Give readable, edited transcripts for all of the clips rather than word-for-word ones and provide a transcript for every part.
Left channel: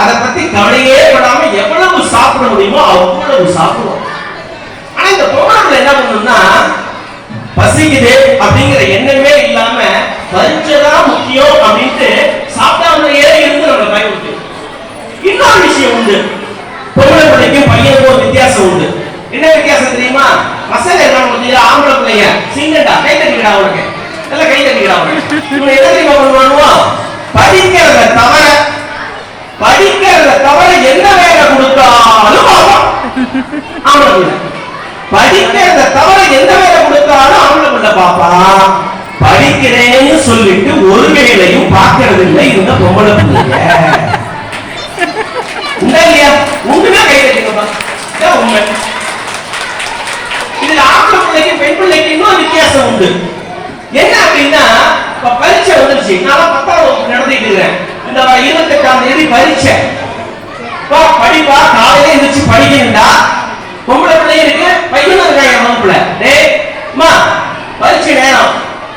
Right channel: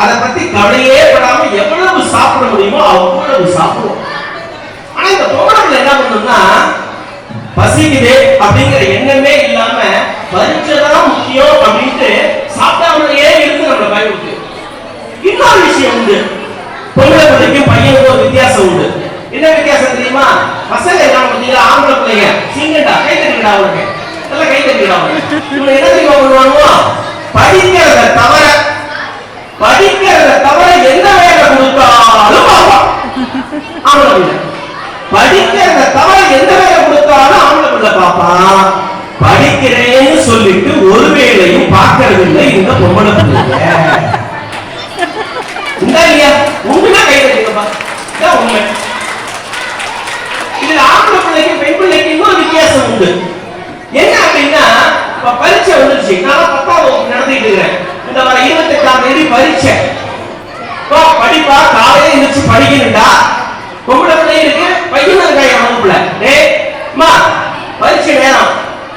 அதை பத்தி கவலையே படாம எவ்வளவு சாப்பிட முடியுமோ அவ்வளவு சாப்பிடுவோம். ஆனா இந்த பொம்பளை என்ன பண்ணணும்னா பசிக்குது அப்படிங்கிற எண்ணமே இல்லாம பரிச்சதான் முக்கியம் அப்படின்ட்டு சாப்பிடாமலேயே இருந்து நம்மளை பயன்படுத்து. இன்னொரு விஷயம் உண்டு, பொம்பளை பிள்ளைக்கும் பையனுக்கும் வித்தியாசம் உண்டு. என்ன வித்தியாசம் தெரியுமா? பசங்க என்ன பண்ணுறீங்க, ஆம்பளை பிள்ளைங்க சிங்கண்டா கை தட்டிக்கிடா அவனுக்கு, எல்லாம் கை தட்டிக்கிடா அவனுக்கு. இவங்க என்ன தெரியுமா பண்ணுவானுவோம், படிக்கிறத தவிர என்ன வேலை கொடுத்தாலும் பார்ப்பான் ஆம்பளை பிள்ளை. படிக்கிறத தவிர எந்த வேலை கொடுத்தாலும் ஆம்பளை பிள்ளை பார்ப்பான். படிக்கிறேன்னு சொல்லிட்டு ஒரு வேலையும் பார்க்கறது இல்லை இந்த பொம்பளை பிள்ளைங்க. உண்டா இல்லையா? உண்டுனா கை தட்டிங்கப்பா, இதான் உண்மை. இதுல ஆம்பளை பிள்ளைக்கு பெண் பிள்ளைக்கு இன்னும் வித்தியாசம் உண்டு. என்ன அப்படின்னா, இப்ப பரீட்சை வந்துருச்சு. நான் 10ஆம் வகுப்பு நடத்திட்டு இருக்கிறேன். இந்த 28ஆம் தேதி பரீட்சை. படிப்பா, காலையில எந்திரிச்சு படிக்கணும்டா. பொம்பளை பிள்ளை இருக்கு, பையனும் இருக்காங்க வகுப்புல. டேய் அம்மா, பரீட்சை நேரம்,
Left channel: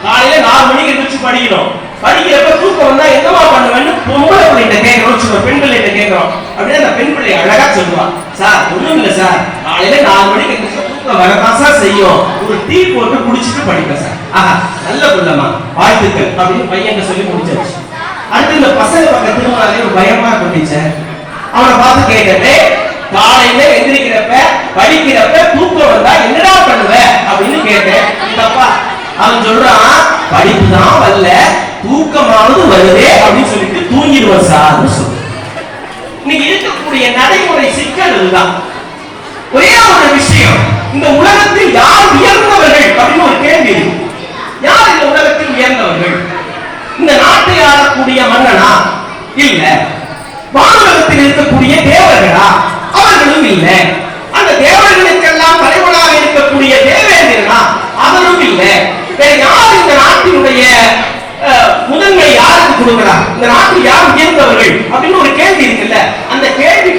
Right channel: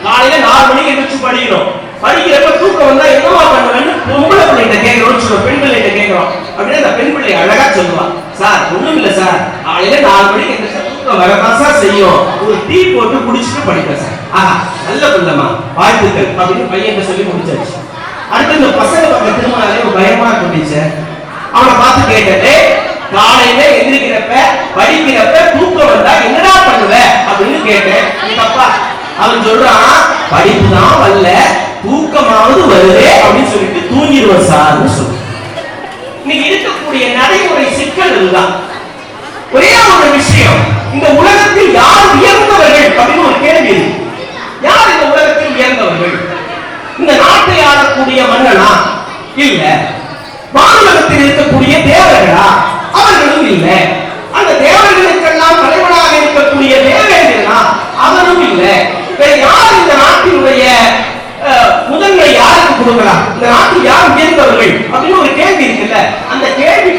காலையில 4 மணிக்கு எந்திரிச்சு படிக்கணும். படிக்கிறப்ப தூக்கம் வந்தா என்னவா பண்ணுவேன்னு பொம்பளை பிள்ளைகிட்ட கேட்கிறோம், பெண் பிள்ளைகிட்ட கேட்கிறோம். அப்படியே அந்த பெண் பிள்ளை அழகா சொல்லுவா, சார் ஒண்ணும் இல்ல சார், காலையில 4 மணிக்கு எந்திரிச்சு தூக்கம் வரதான் சார் செய்யும், ஒரு டீ போட்டு குடிச்சிட்டு படிப்பேன் சார். ஆஹா, நல்ல பிள்ளைமா, வாழ்த்துக்கள் அப்படின்னு பையன் சொல்லி முடிச்சாச்சு. அடுத்து இந்த பசங்க பக்கம் திரும்பினாலே ஒரு பயமா இருந்துச்சு. அவனை பார்த்து கேட்டே, காலையில எந்திரிக்கிறப்ப படிக்கிறப்ப தூக்கம் வந்தா என்னடா பண்ணுவ அப்படின்னு கேட்டேன். அப்பா அவன் சொல்றான், படிப்பு தான் வரல, தூக்கமாவது வருதே அப்படின்னு சொல்லிட்டு தூங்கிடுவோம் சார்னு சொல்ற. இன்னைக்கு இருக்கக்கூடிய நடைமுறை சிக்கல் இதுதான். ஒரே ஒரு விஷயம், இந்த உலகத்தில் யார் உயர்ந்தவர்கள் அப்படின்னு ஒரு கேள்வி. யார் இந்த உலகத்தில் உயர்ந்தவர்கள்? இந்த நாட்டை ஆளக்கூடிய மன்னனா? இல்ல. வானுலகத்தில் இருக்கக்கூடிய தேவர்களா? அவர்களும் இல்ல. அந்த தேவர்களுக்கெல்லாம் தலைவனாக இருக்கக்கூடிய தேவேந்திரனா? அவரும் இல்ல. யார் இந்த நாட்டினுடைய முதன்மை யாருக்கு கொடுக்கிறார்? இந்த நாட்டில் யார் உயர்ந்தவர்கள் அப்படின்னு ஒரு கேள்வி இருக்குல்ல, அந்த கேள்வி